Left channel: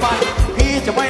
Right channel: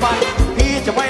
ไปพี่จะไป